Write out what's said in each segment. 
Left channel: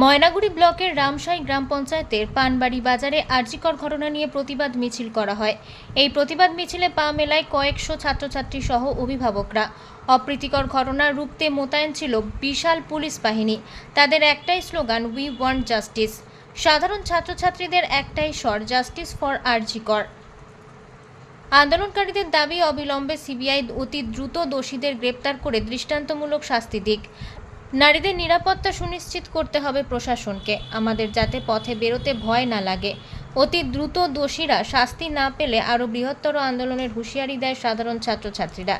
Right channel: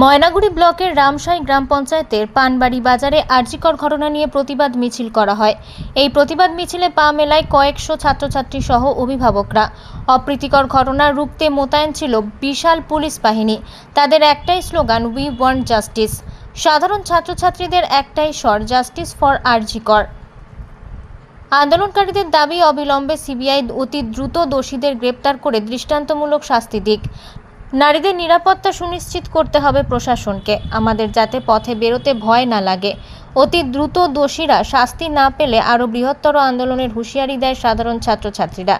ময়নাগুড়ি ব্লকের রামসাই গ্রাম পঞ্চায়েতের পানবাড়ি বাজারে আর্জিকর ঘটনা নিয়ে প্রতিবাদ মিছিল করা হয়। এই প্রতিবাদ মিছিলে পা মেলায় কয়েকশো ছাত্রছাত্রী সহ অভিভাবকরা। অপ্রীতিকর ঘটনা রুখতে মোতায়েন ছিল বিশাল পুলিশ বাহিনী। তাদের একটাই স্লোগান উই ওয়ান্ট জাস্টিস সাধারণ ছাত্রছাত্রীদের একটাই স্বর জাস্টিস ফর আরজিকর আন্দোলনকারীদের দাবি, অবিলম্বে সিবিআই অতি দ্রুত দোষীদের গ্রেপ্তার করে দৃষ্টান্তমূলক শাস্তি দিক। নারীদের নিরাপত্তা সুনিশ্চিত করতে হবে প্রশাসনকে। আমাদের যাতে পথে বেরোতে ভয় না লাগে। অতি দ্রুত দোষীরা শাস্তি না পেলে আরও বৃহত্তর আন্দোলনের হুঁশিয়ারি দেয় সাধারণ ছাত্রছাত্রীরা।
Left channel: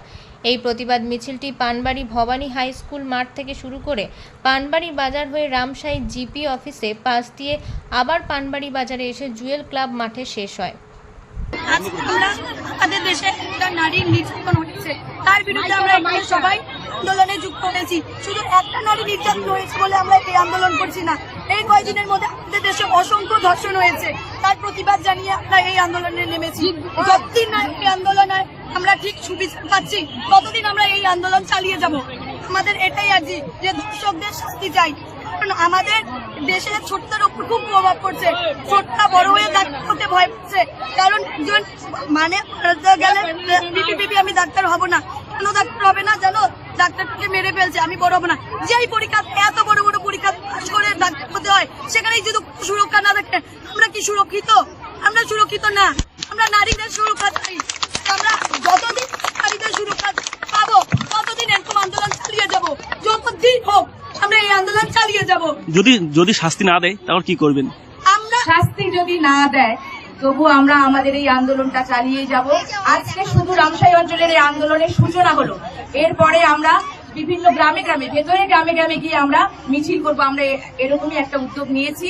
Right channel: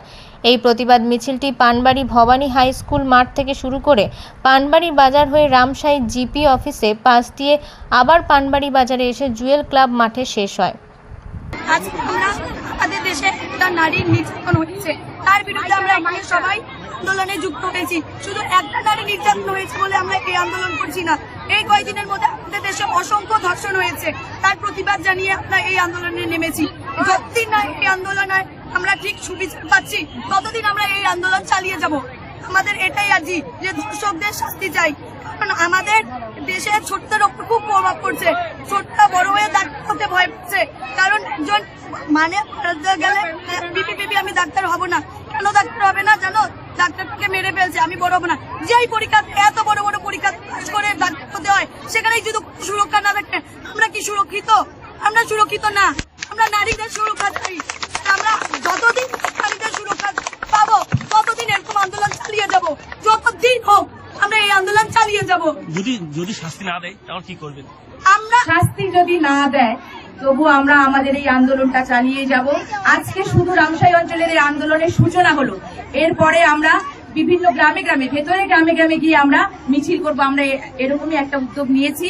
এই প্রতিবাদ মিছিলটি পানবাড়ি ভবানী হাই স্কুল মাঠ থেকে শুরু করে পানবাড়ি বাজার হয়ে রামসাই জিপি অফিসে পাশ দিয়ে আবার পানবাড়ি বাজারে এসে জুয়েল ক্লাব মাঠে শেষ হয়। আমাদের দেশে নারীর নির্যাতন হয়েছে তার বিরুদ্ধে আমরা এখানে সবাই আন্দোলনে যুক্ত হয়েছি। শুধু একটা নারী নির্যাতন হয়েছে বলে আমরা এই আন্দোলন করছি না। এই কয়েকদিনের মধ্যে আমাদের দেশে অসংখ্য ধর্ষণ হয়েছে। তার প্রতিবাদ জানিয়ে আমরা এই আন্দোলনে নেমেছি। যতদিন না এই আন্দোলনে আমরা ঠিক সুবিচার পাচ্ছি। ততদিন আমরা এই আন্দোলন চালিয়ে যাব। আমাদের এটাই আর্জি যে ধর্ষকদের শাস্তি চাই। কারণ আমাদের দেশে ছোটদের ওপর খুব প্রভাব পড়ছে। ছোটটা, বড় হয়ে ডাক্তার হতে ভয় পাচ্ছে। কারণ একজন মানে গেলে, বিপি বিপি, আমি ডাক্তার হব না। কেন ডাক্তার হবে না জানো? ডাক্তারটাকে মেরে ফেলছে আমি বড় হব না। যেই পরীক্ষা এত বড় বড় পরীক্ষা পাস করে ডাক্তার হতে হয় সেখানে যদি সুরক্ষা না থাকে আমরা কি সুরক্ষিত? আমরা সুরক্ষিত না। আমরা নারীদের সুরক্ষা চাই। আমরা যতদিন নারীদের সুরক্ষা পাবো ততদিন এরকম আন্দোলন চালিয়ে যাব। যতদিন হোক আমরা এই আন্দোলন চালিয়ে যাব। যদি যদি শাস্তি না দেয় তাহলে কি করবেন? আমরা শাস্তি যদি না দেয় তবু আমরা আমাদের এই আন্দোলনটা চালিয়ে যাব। আজকে শুধু রামসাই অঞ্চলের এই আন্দোলনের সূচনা হলো। এরপরে আমরা বিভিন্ন গ্রামে গ্রামে, ভেতরে গ্রামে গ্রামে গিয়ে আমরা মিছিল করব, আমরা এরকমই একটা উদ্যোগ নিয়েছি।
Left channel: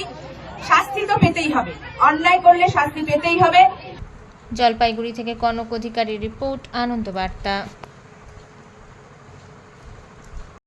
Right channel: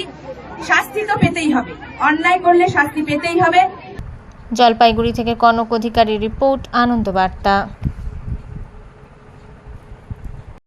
শাস্তি তো পেতেই হবে। অন্যায় করলে শাস্তি পেতেই হবে। জলপাইগুড়ি থেকে কনক অধিকারী রিপোর্ট আনন্দ বার্তা